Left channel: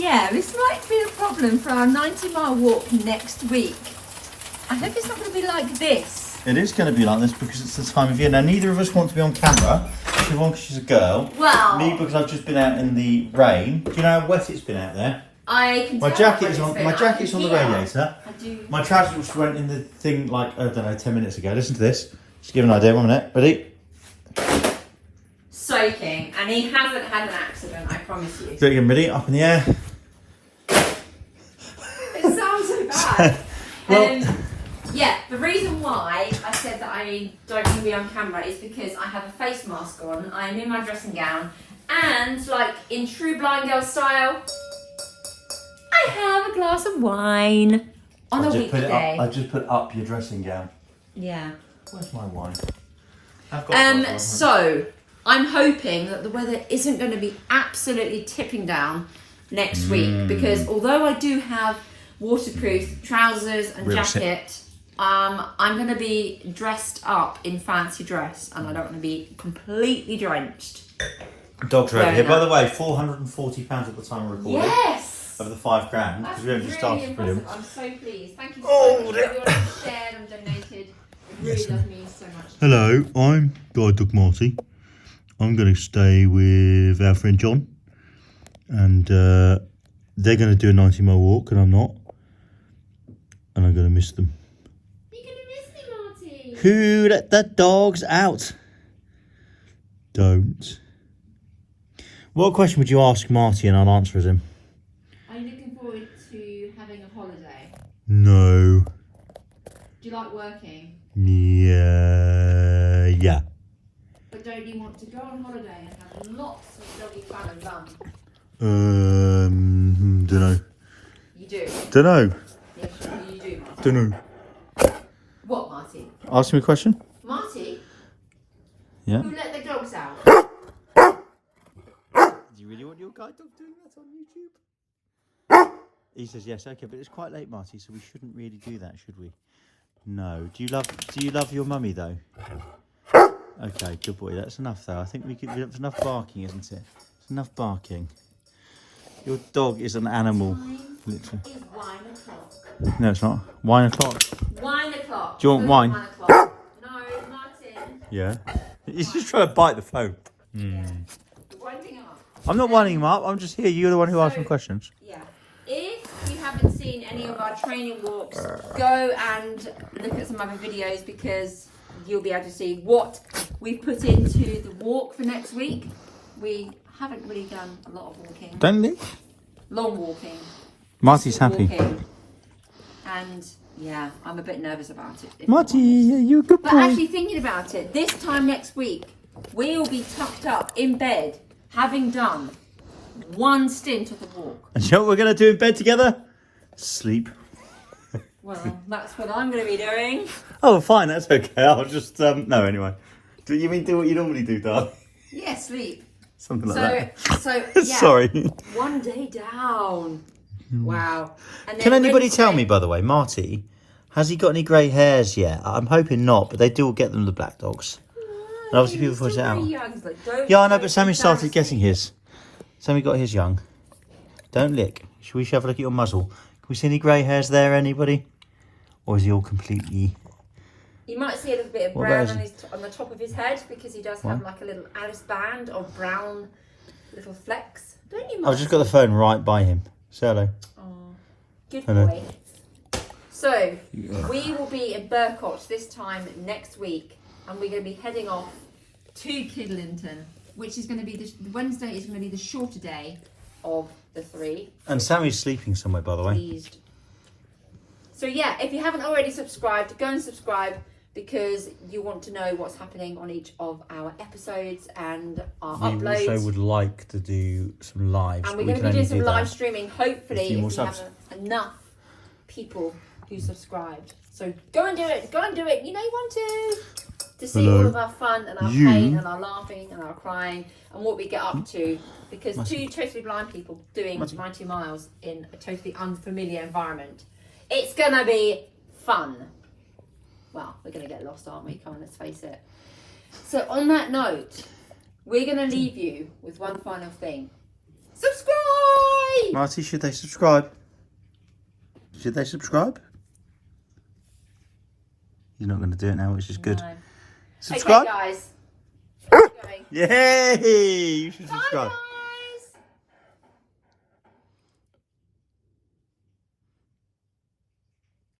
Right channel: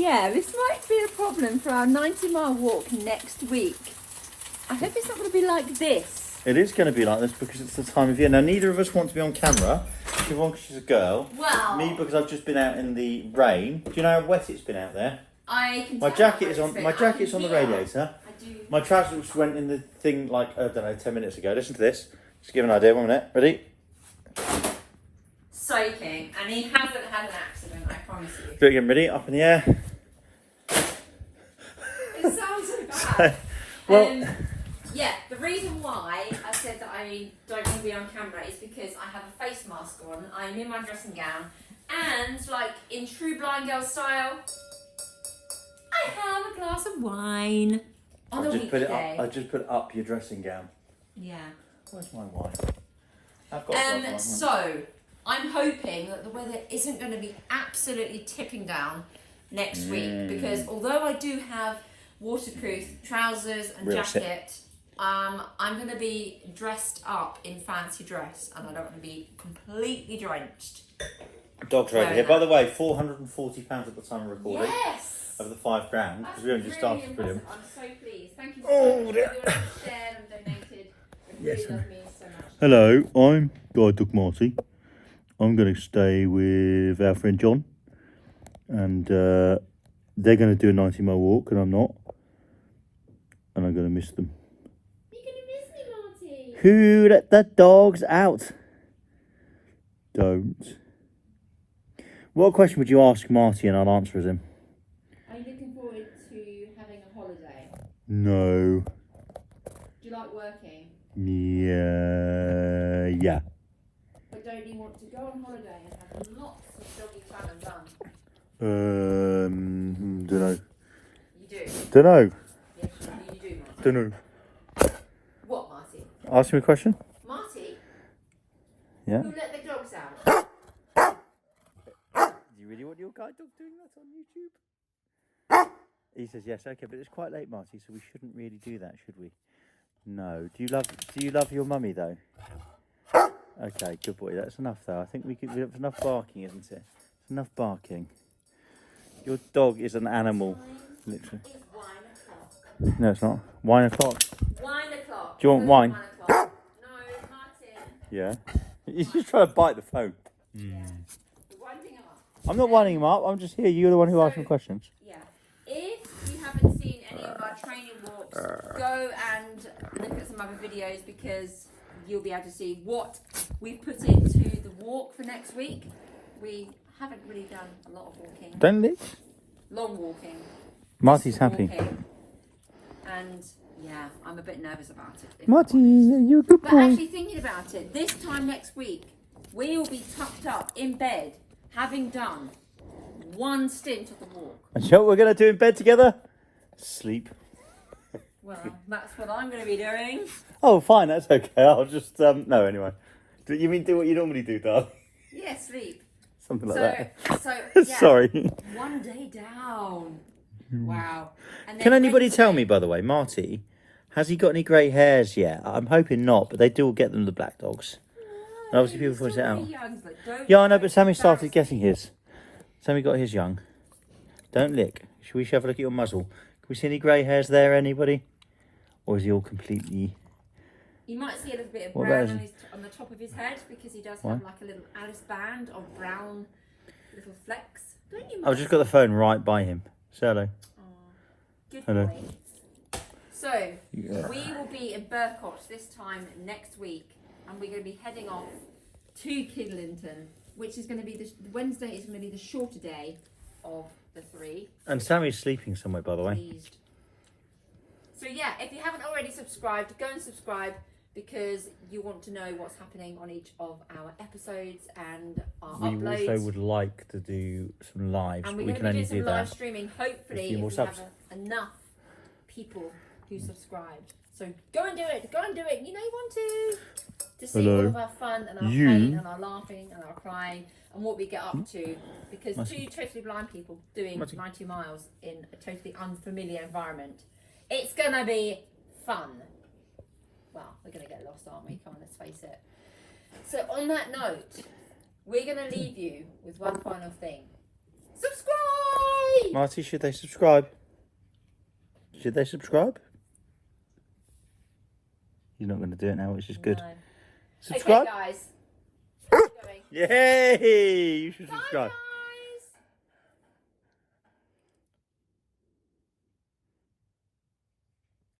Yeah, this might be the problem for our 90-mile walk next week. I hope it's not going to be like this. It is going to be like this because it's the time of year. Now, neither of us want to be on camera. Siobhan, because she's a girl. Well... Me, because I've just been out in the rain. Do you know how wet it's been out there? I can My tell jacket is on. My jacket's on the radiator. I do. My trousers went in the thing like, I don't know, 10 minutes ago. Listen to this. Just give you an idea. 1 minute. Ready? Soaking, and he hasn't had an accident, I promise you. Do it again. Ready? Up in the air. It sounds so bad. Well- Yeah, the reason why I said that I don't want to be on camera is because I have a face mask on, I'm in my dressing gown, and like in true blind girl style, I have a glass of wine on a weekday. I just put up your dressing gown. Yeah. Where's my wine? I've got one. So I'm hoping that the weather isn't going to be absolutely tipping down next week, because although I do have waterproof trousers and Real shit. jacket, I'm going to be dressed up in fancy dress, and I don't want to be completely drenched. Dog's Wearing ready. Here, that. by the way, £440 at the time of recording. Yes! Of the £5 grand. That's Because we only just really started. Brilliant. impressive. I'm so pleased. Thank you Oh, so much for everyone who shared and donated. It really does mean so much. Hello, I'm Guide Dog Marty. I'm going to stay with our friend John. And they're going to do a 90-mile walk, and I'm not. And I'm going to miss them. You're going to miss me, Marty. Who let the dogs out? Don't. What question would you ask Marty and I'll answer as him? Are you looking forward to having a holiday? No. Do you like working? Yeah. But don't you want to go on holiday and have lots of doggy fun and fun? Dunno. You do. Dunno. Yes, you do, Marty. Dunno. What, Marty? Ask me a question? Marty? Yeah. Who let the dogs out? Do you really want your guide dog doing that on YouTube? He says yes. Okay, but it's quite late, Marty, so we shouldn't really do that, should we? No. Do you love your mummy though? Okay, good boy. That's enough though. I think that's enough barking, isn't it? It's enough barking. Your dog is an animal. Literally. It's 1 o'clock. No, it's not. Wine o'clock. 1 o'clock. Do you want Good, wine? 1 o'clock. No, Martin. Yeah. He's just trying to bite the phone. You're winding up. I'm not winding him up. I'm just here. You're the one who asked me So- questions. Yeah. If you haven't seen any of our training walks, go and look at some other videos, because you'll be able to see what we've put into the walk for next week. We haven't really done a lot of walking. Don't they? Long walking. Marty's Just happy. walking. And yeah, I'm a bit nervous about it. if I'm Marty, honest. you're a good But boy. actually thinking about it, this time next week, we'll be tucked up in bed, having done one stint of the walk. And you know what we're going to do in bed together? Sleep. Well, that's what I'm going to be doing. Oh, fine. That's okay. I'll just, no, anyway. Do you mean do what you normally do, darling? Yeah, sleep. Something like So that. yeah. Sorry. One day down. Wow. And then Can anybody Wednesday- tell me, by the way, Marty, has he got any grey hairs yet? I'm hoping not, but they do get them, the black dogs. And obviously people He's point it still out. very young, he's like, don't- Yeah, I know, don't but Sammy started embarrass getting me. his. Sammy got his young. Don't lick. Should we have a look at your muzzle? Can we see any grey hairs there, anybody? Or is he all completely... You might see a little bit of What brown about on the top of his head, because he does have like a little Alice band of brown little flecks. Don't you, I've just got the phone right by him. Say hello. Oh, good Hello. boy. So, we will be in Burcott this time next week, and we're going to be heading off to Kidlington, which is going to be Wednesday is going to be the shorter day of the 3. And Sammy's sleeping somewhere, by the way. Pleased. So yeah, if you haven't already subscribed, go and subscribe, because you want to know what's happening on each of our episodes and our uploads. like to do some lives. And we're going to be doing some live streaming, hopefully, few if more we have subs. enough people who subscribed. So go and do it. Go and do it. You know you want to see Hello. all of our fun and our pain and our laughing and our crying and what we get up to. Because two totally blind people doing 90 miles in a totally unfamiliar environment. It's going to be fun. Well, we're going to get lost, aren't we? Come on, let's face it. So on that note, we're going to leave you with one final thing. Subscribe! Marty, should they subscribe? Should they subscribe? He's not going to do it now, which is good. No. Subscribe. Okay, guys. Yay! You should subscribe. Bye, guys.